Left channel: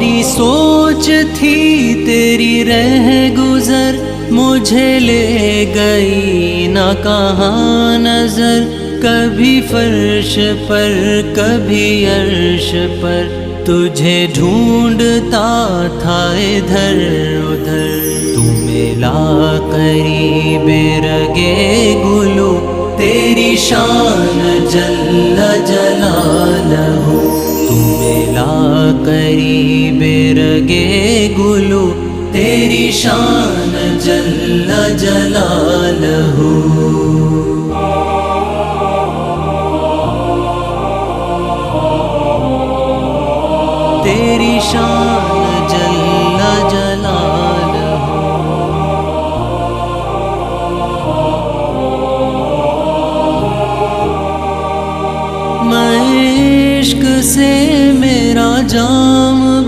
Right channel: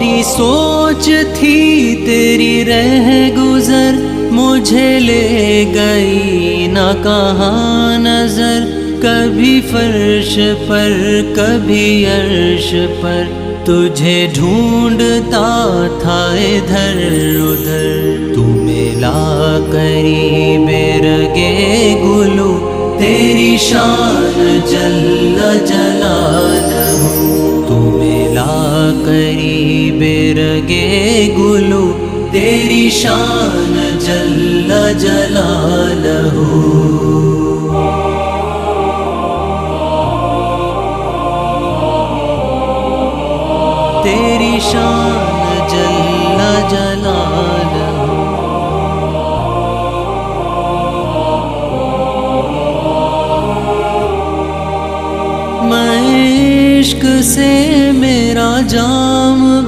میری سوچ تھی تیری رہ گزر، مجھے لے گئی نہ کہاں نظر، کبھی فرش پر کبھی عرش پر، تجھے ڈھونڈتا تھا ادھر ادھر۔ تو ملا قریب رگے گلو، تیری شان جل جلالہ۔ تو ملا قریب رگے گلو، تیری شان جل جلالہ۔ تیری شان جل جلالہ۔ میں عشق سے میرا جام